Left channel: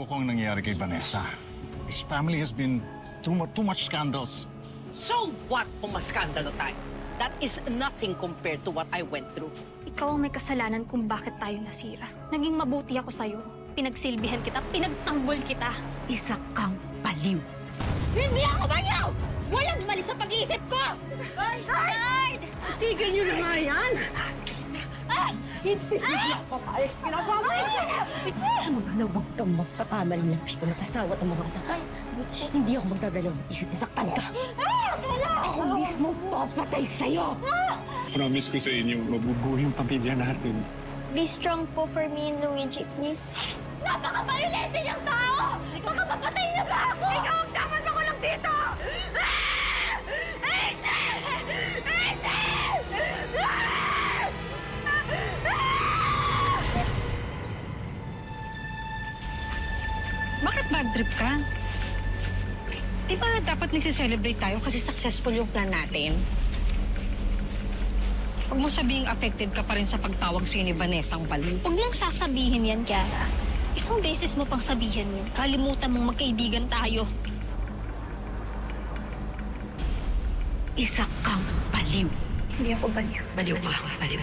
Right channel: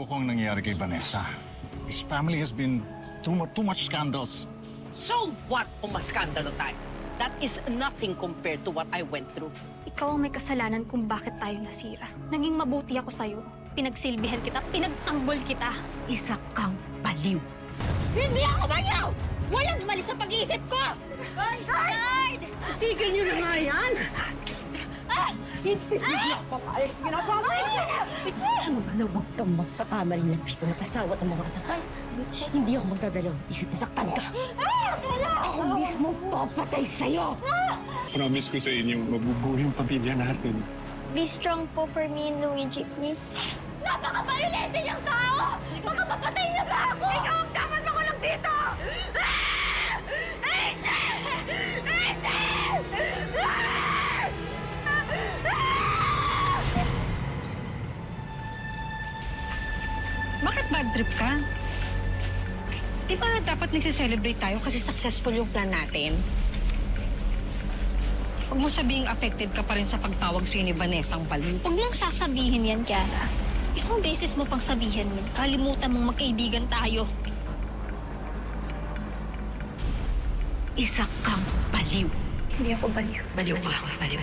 loko ang nangyayari kay Vanessa. His family has been too much scandals. So what kung maskandalo tayo? That is nothing compared to what I went through. Ikaw ang may kasalanan kung bakit tayo nasira. Naging mabuti ako sa'yo. Pinagsilbihan kita, pinagtanggol kita. Isa kang baliw. Hindi ako baliw! Walang mali sa pag-iisip ko! Guard! Tigil niyo na nga yan! Hindi ako papayag sa ginagawa mo! Ano, huwag kang magpakamali ng pito at asawa at ang mga anak. Hindi ako magdadalawang isip na saktan ka. Ako mismo papatay sa'yo! Promise ko sa inyo, mabubuhay ang pamilya natin. Be strong po for me and Luigi, please. Napaka-violente niyang tao! Baka mapatay niya ba ako? Ikaw ang dapat makulong dito! Hazel! Hazel! Bakit bad trip ka? Di ba dapat nagsiselebrate tayo kasi successful yung plan natin? Huwag mo sabihing affected ka pa rin sa pagtawag sa'yo ni Vanessa ang baliw. Huwag lang sasabihin yan, Kiara. Isang beses mo pang sabihin yan. Kalimutan mong magkaibigan tayo. Isa kang baliw. Hindi ako baliw. Baliw ka. Baliw.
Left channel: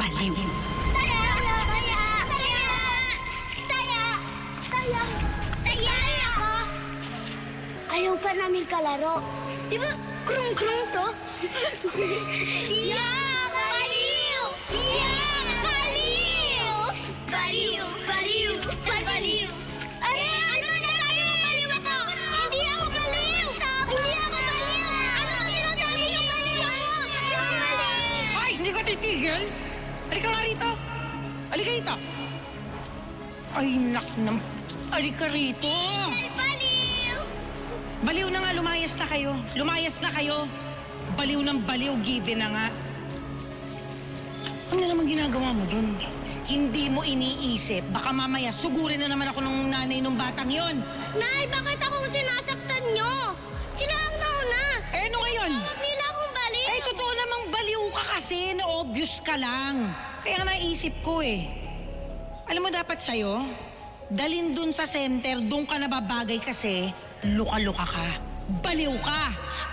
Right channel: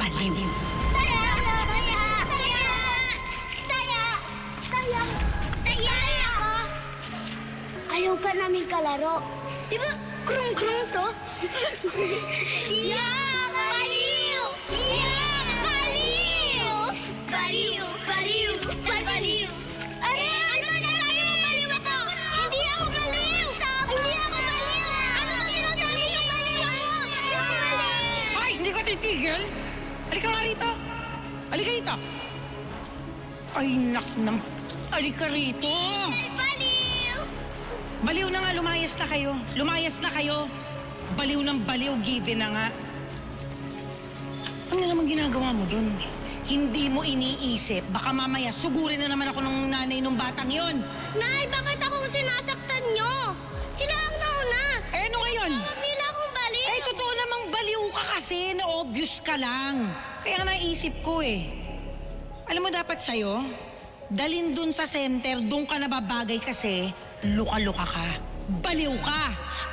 Baliw. Taya! Taya! Taya! Taya! Taya! Taya ka! Ayaw ka namin kalaro. Di ba krung-krung to? Yak! Baliw! Yak! Baliw! Baliw! Baliw! Baliw! Ay, ano sinasabi mo baliw ako? Hindi ako baliw! Hindi ako baliw! Ano sinasabi yung baliw ako? Ay! Hindi ka titigil? Halika nga rito! Halika rito! Ay, nak. Halika rito! Baliw! Baliw na nga, lumayas na kayo. Lumayas na kayo. Baliw ng baliw, given na nga. Ano naman ginagawa mo dun? Hindi mo iniisip. Baka mamaya sugurin na naman ako ng nanay ng batang yon. Nay, bakit akong sinasaktan nyo? Sila ang nauna. Eh, ano ngayon? Huwag nila akong baliw. Eh, totoo namang baliw ka kasi. Na-obvious ka lang. Kaya naisip ko eh. Alam mo dapat sa'yo, dalin dun sa center, dun ka nababagay kasi luka-luka ka. Baliw ka.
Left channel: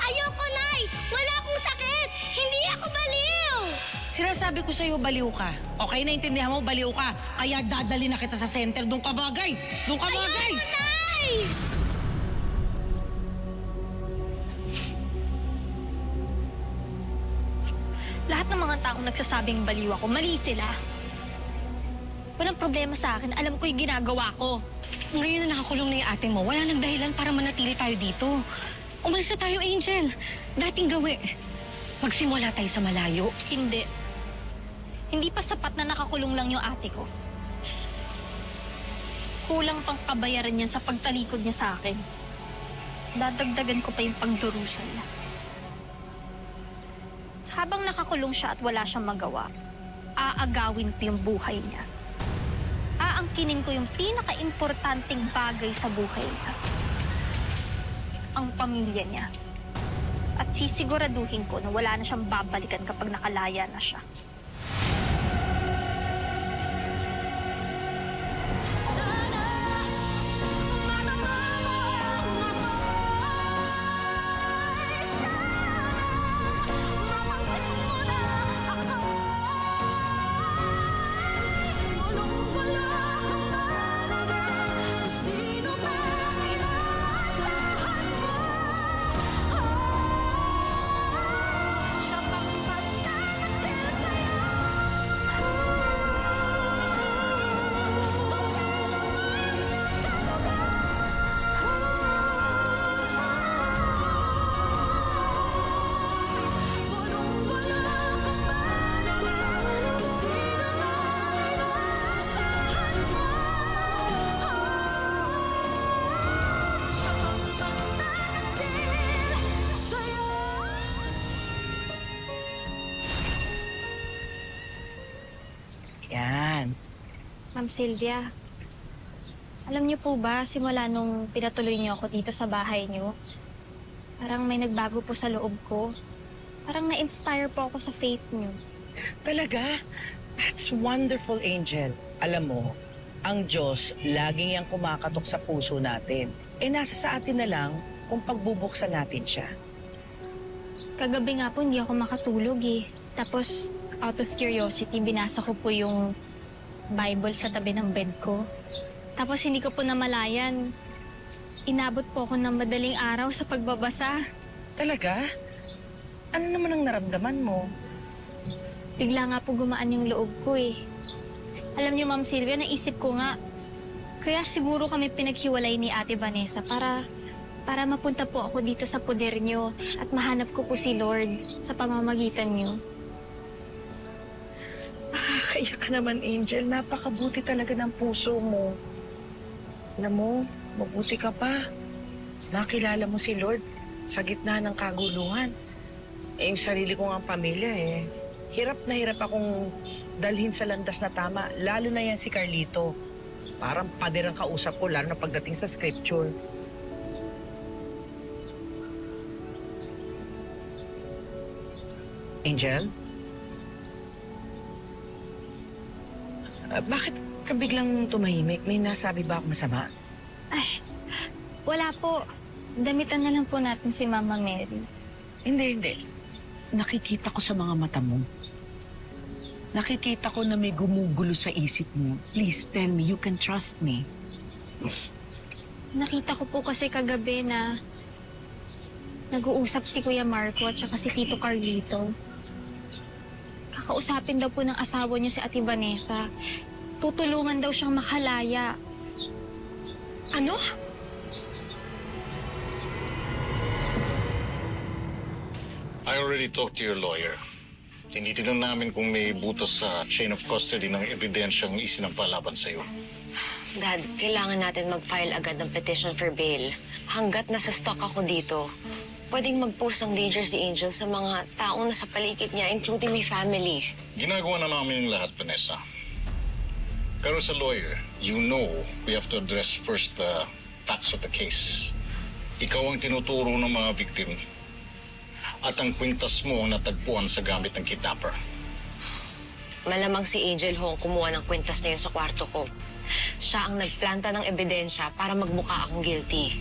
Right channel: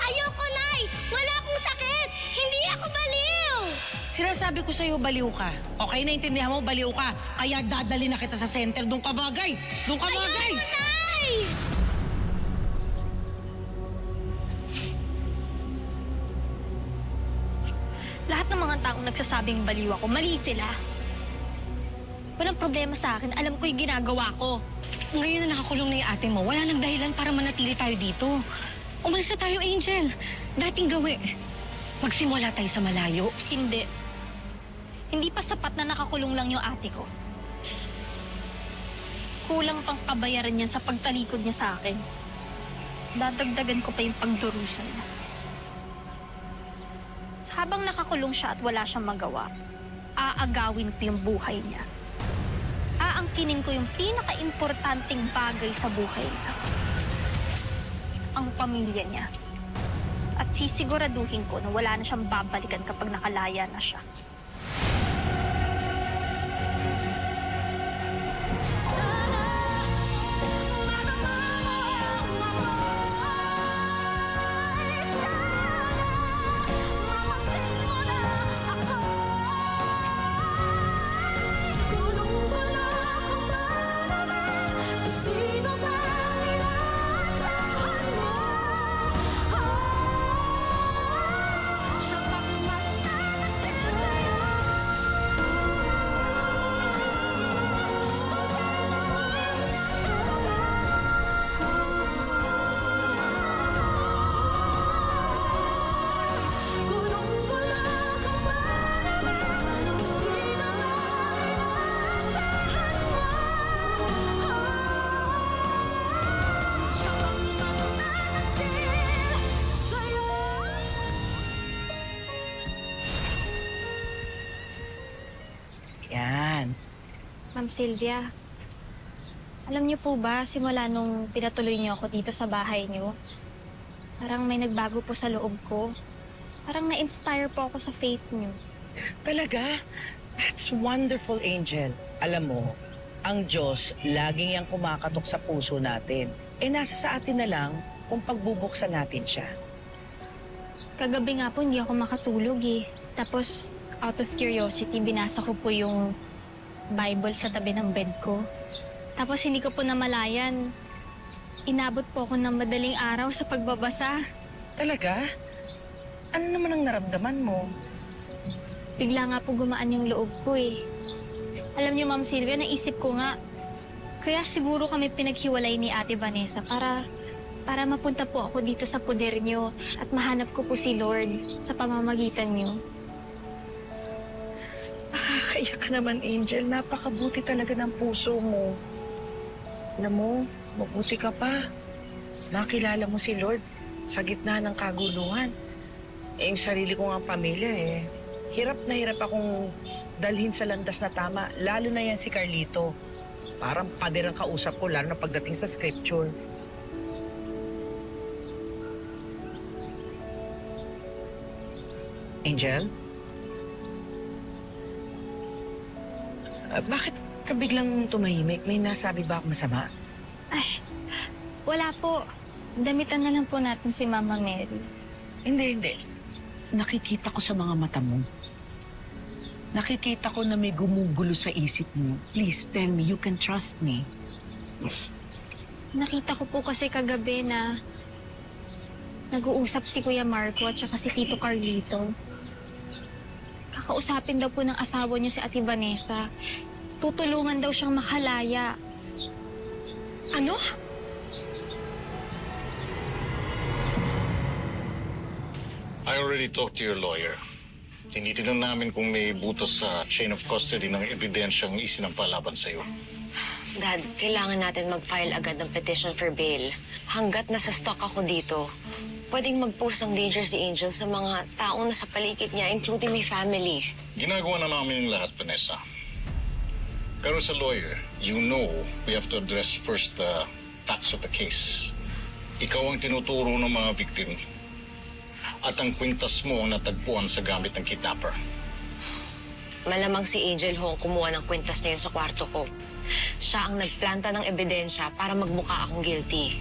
Ayoko, Nay. Wala akong sakit. Hindi ako baliw. Sinasabi ko sa'yo, baliw ka. Okay, naintindihan mo, baliw ka. Kaya dadali na kita sa center, doon ka bagay. Doon ka bagay. Ayoko, Nay. Lahat ng mga taong nagsasabing baliw ako, mali sila. Walang problema sa akin. Alam ko yung ginagawa ko. Ngayon na nakakulong na yung ate mo, wala nang dahilan para manatili tayo dito. Umalis na tayo, Angel. Dating gawi. Magsimula tayo sa malayo. Hindi. Hindi pa sapat na nakakulong lang yung ate ko. Kulang pang kabayaran yan sa pagtalikod niya sa akin. Dadagdagan ko pa yung pagdurusan niya. Habang nakakulong siya at wala siyang magawa, aagawin ko yung buhay niya. Aangkinin ko yung pinaka-importanting bagay sa buhay niya. Ang pamilya niya. At sisiguraduhin ko na wala na siyang babalikan kapag nakalaya na siya. Yan. Ma'am Sylvia, alam niyo po ba, simula nung pinatuloy niyo ako dito sa bahay niyo, parang may nagbago po sa loob ko. Parang na-inspire po ako sa faith niyo. Talaga? That's wonderful, Angel. Alam mo, Ang Diyos, laging yang kumakatok sa puso natin. Nasa sa atin na lang kung pagbubuksan natin siya. Kagabi nga po, hindi ako makatulog eh. Tapos, out of curiosity, binasa ko po yung Bible sa tabi ng bed ko. Tapos hindi ko po namalayan. Inabot po ako ng madaling araw sa pagbabasa. Talaga? Ano naman ang naramdaman mo? Bigla nga po gumaan yung loob ko eh. Alam niyo, Ma'am Sylvia, naisip ko nga, kaya siguro kami pinaghiwalay ni Ate Vanessa para mapunta po ako dito sa poder niyo at mahanap ko po si Lord sa pamamagitan niyo. Nakakaiyak ka naman, Angel. Napakabuti talaga ng puso mo. Alam mo, mabuti ka pa. Nakilala mo si Lord sa gitna ng kaguluhan. Yung sarili ko ang pamilya hirap na hirap akong dalhin sa landas na tama, lalo na yan si Carlito. Parang pader ang kausap ko, lalo na pagdating sa scripture. Angel? Bakit ka biglang tumahimik? May nasabi ba ako masama? Wala po. Damitan na lang po natin si Mama Mary. Hindi. Nakikita ko sa mga mata mo. Nakikita ko na may gumugulo sa isip mo. Please, tell me, you can trust me. Nakita ko po kasi kagabi na nag-uusap si Kuya Marco at saka si Tito Carlito. Kakausapin daw po ng asawa niyo si Ate Vanessa. Tutulungan daw siyang makalaya. Ano? I already talked to your lawyer. Tinitignan namin kung may butas sa chain of custody ng ebidensyang isinampa laban sa'yo. Dad, kailangan natin mag-file agad ng petition for bail. Hanggat nasa stock ako dito, pwedeng mag-post ng danger si Angel sa mga taong nasa paligid niya, including my family. Ginagawa na namin yung lahat, Vanessa. Pero sa lawyer, you know we have to address first the facts of the case. Ikaw ang tinuturo ng mga victim. At ang kwintas mo ang natagpuan sa gamit ng kidnapper. Malamang si Angel ho ang kumuha ng kwintas na yun sa kwarto ko. Siya ang nagplanta ng ebidensya para magmukha akong guilty.